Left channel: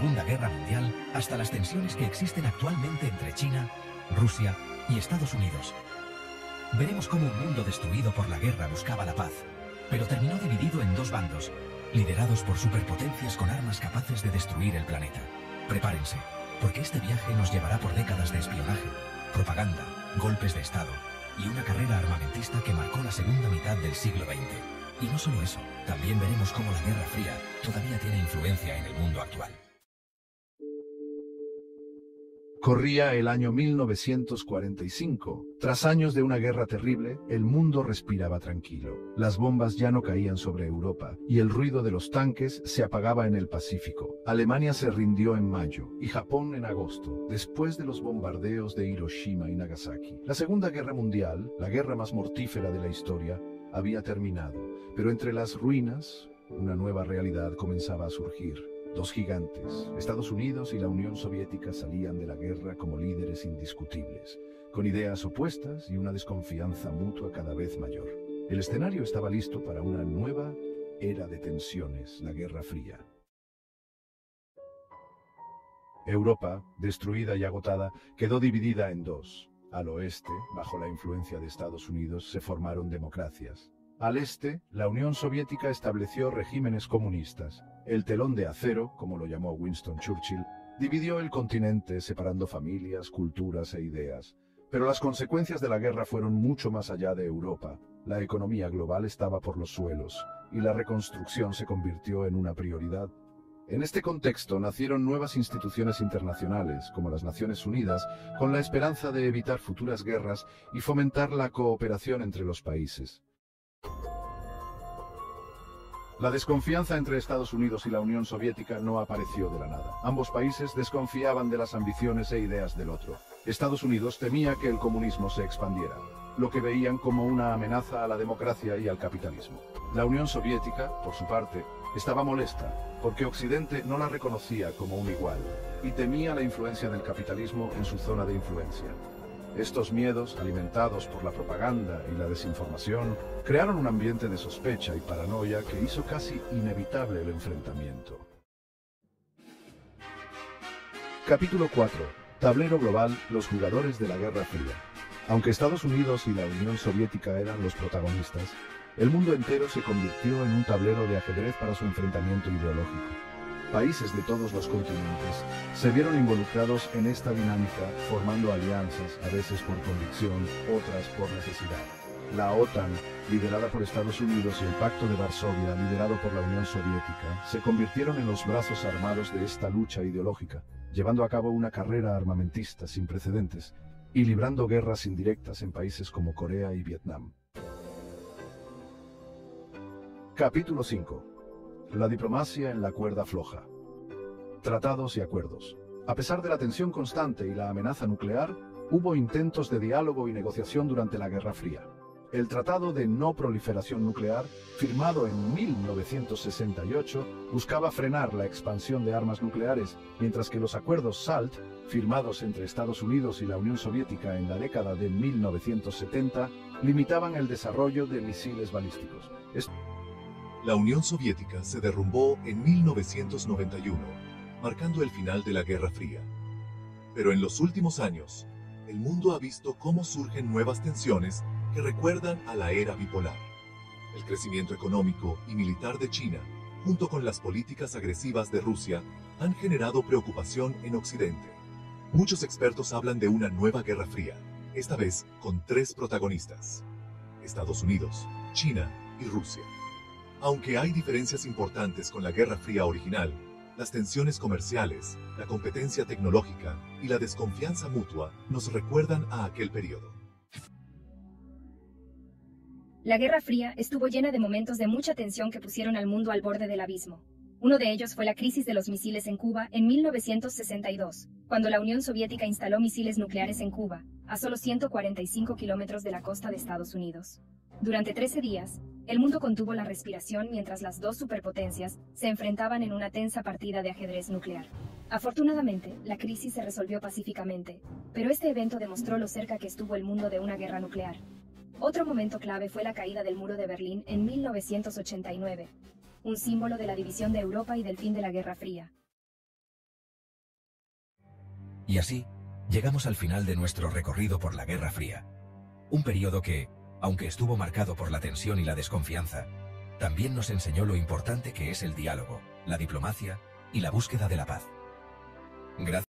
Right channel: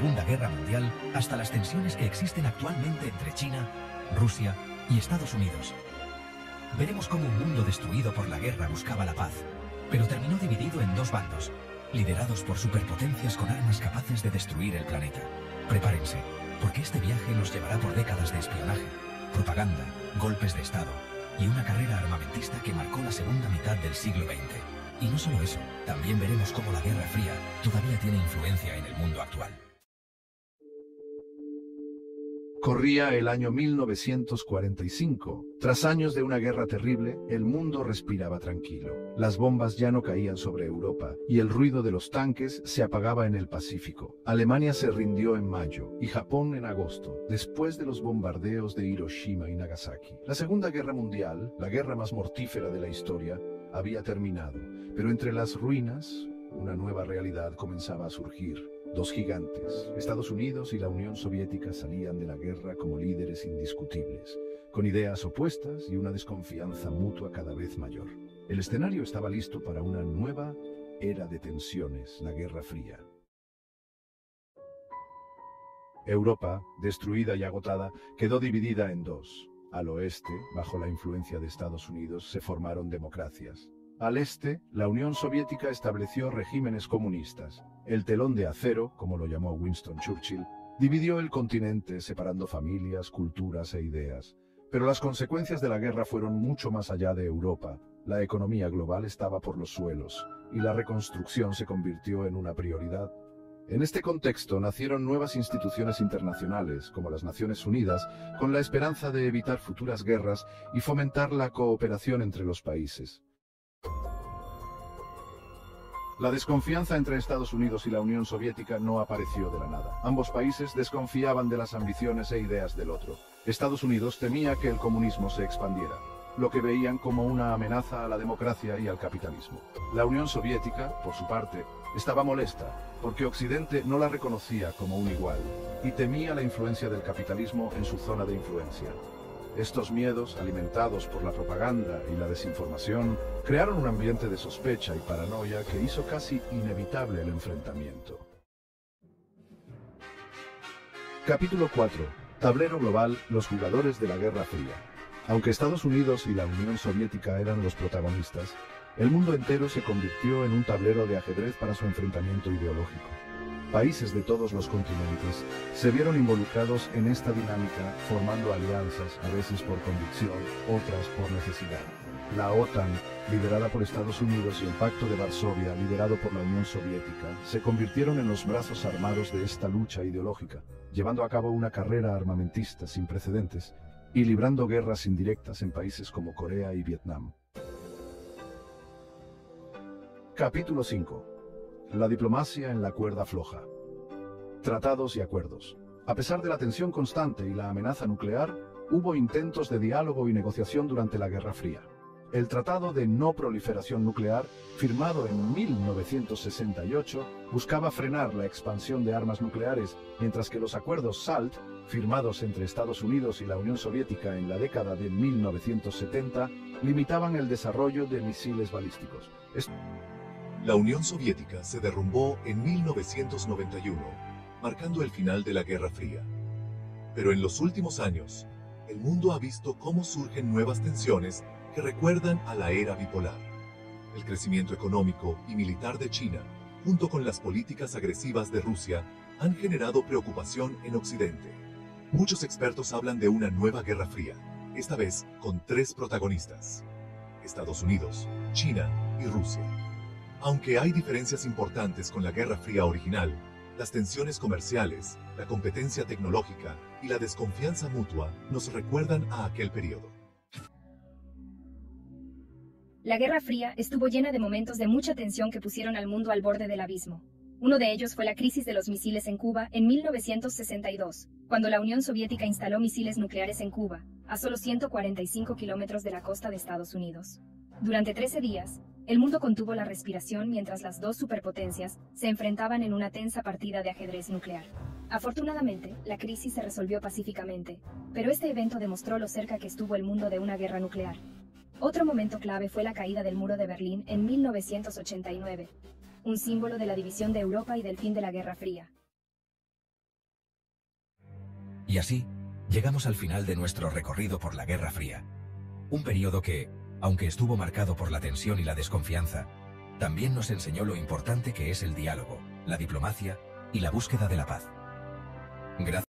Segunda Guerra Mundial hasta las tensiones que existen actualmente entre China, Rusia y Estados Unidos. Veremos cómo un mundo destruido por la guerra buscaba la paz, pero terminó dividido en dos bandos, liderados por superpotencias con armas capaces de destruir el planeta. Prepárense, porque este viaje nos llevará por décadas de espionaje, propaganda, golpes de Estado y una carrera armamentista que marcó la segunda mitad del siglo XX. Y no solo eso, también veremos cómo la Guerra Fría todavía tiene influencia en el mundo actual. Corría el año 1945. Tras años de una guerra terrible, el mundo respiraba tranquilo. Las bombas ya no caían sobre Europa, y el ruido de los tanques se apagaba en el Pacífico. Alemania se rindió en mayo, y Japón en agosto, después de los bombardeos de Hiroshima y Nagasaki. La Segunda Guerra Mundial, la guerra más mortífera de la historia, había terminado. Pero entre las ruinas, una nueva realidad comenzaba a surgir. Dos gigantes, Estados Unidos y la Unión Soviética, salían de la guerra como líderes indiscutibles, con ideas opuestas y una desconfianza mutua cada vez mayor. El escenario estaba listo para una nueva era de tensiones, la Guerra Fría. Europa, destruida y agotada, quedó dividida en dos. Al oeste, bajo la influencia de Estados Unidos, se formaron democracias. Al este, la Unión Soviética estableció regímenes comunistas. El telón de acero, como lo llamó Winston Churchill, dividió el continente separando familias, culturas e ideas. Pero las consecuencias de la guerra fueron mucho más allá de Europa. La economía global estaba por los suelos, y la reconstrucción se convirtió en una prioridad. En este contexto nacieron nuevas instituciones internacionales, como las Naciones Unidas, con la esperanza de evitar futuras guerras y fomentar la cooperación entre los países. La desconfianza entre Estados Unidos y la Unión Soviética no apareció de la nada. Ambos países desconfiaban de las ambiciones e ideas del otro. Estados Unidos temía que el comunismo se expandiera, lo que veían como una amenaza a la democracia y al capitalismo. La Unión Soviética, por su parte, estaba molesta, porque Occidente no la reconocía como un igual, y temía la influencia del capitalismo en su zona de influencia. Estos miedos, alimentados por la propaganda y la desinformación, crearon un ambiente de sospecha y paranoia que hizo casi inevitable el enfrentamiento. Capítulo 4. Tablero global, los jugadores de la Guerra Fría. Aunque Estados Unidos y la Unión Soviética eran los protagonistas, el mundo entero se convirtió en un tablero de ajedrez para su enfrentamiento ideológico. Países de todos los continentes se vieron involucrados en esta dinámica, formando alianzas, a veces por convicción, otras por necesidad. La OTAN, liderada por Estados Unidos, y el Pacto de Varsovia, liderado por la Unión Soviética, se convirtieron en los brazos armados de esta lucha ideológica, llevando a cabo una carrera armamentista sin precedentes y librando guerras indirectas en países como Corea y Vietnam. Capítulo 5. La diplomacia en la cuerda floja. Tratados y acuerdos. A pesar de la tensión constante y la amenaza nuclear, hubo intentos de diálogo y negociación durante la Guerra Fría. El Tratado de No Proliferación Nuclear, firmado en 1968, buscaba frenar la expansión de armas nucleares, mientras que los acuerdos SALT, firmados entre Estados Unidos y la Unión Soviética en la década de 1970, limitaban el desarrollo de misiles balísticos. La Unión Soviética se derrumbó en 1991, marcando el final de la Guerra Fría. Pero en los últimos años, el mundo ha visto cómo surgen nuevas tensiones que recuerdan a la era bipolar. El crecimiento económico y militar de China, junto con las políticas agresivas de Rusia, han generado preocupación en Occidente. Muchos expertos hablan de una nueva Guerra Fría, esta vez con tres protagonistas: Estados Unidos, China y Rusia. Aunque hay diferencias importantes con la Guerra Fría original, las tensiones comerciales, la competencia tecnológica y la desconfianza mutua nos recuerdan a aquel periodo. La Guerra Fría estuvo llena de momentos de mucha tensión que pusieron al mundo al borde del abismo. Uno de ellos fue la crisis de los misiles en Cuba en 1962, cuando la Unión Soviética instaló misiles nucleares en Cuba, a solo 145 kilómetros de la costa de Estados Unidos. Durante 13 días, el mundo contuvo la respiración mientras las dos superpotencias se enfrentaban en una tensa partida de ajedrez nuclear. Afortunadamente, la crisis se resolvió pacíficamente, pero este evento demostró lo cerca que estuvo el mundo de una guerra nuclear. Otro momento clave fue la caída del muro de Berlín en 1989, un símbolo de la división de Europa y del fin de la Guerra Fría. Y así, llegamos al final de nuestro recorrido por la Guerra Fría. Un periodo que, aunque estuvo marcado por la tensión y la desconfianza, también nos enseñó lo importante que es el diálogo, la diplomacia y la búsqueda de la paz. Gracias.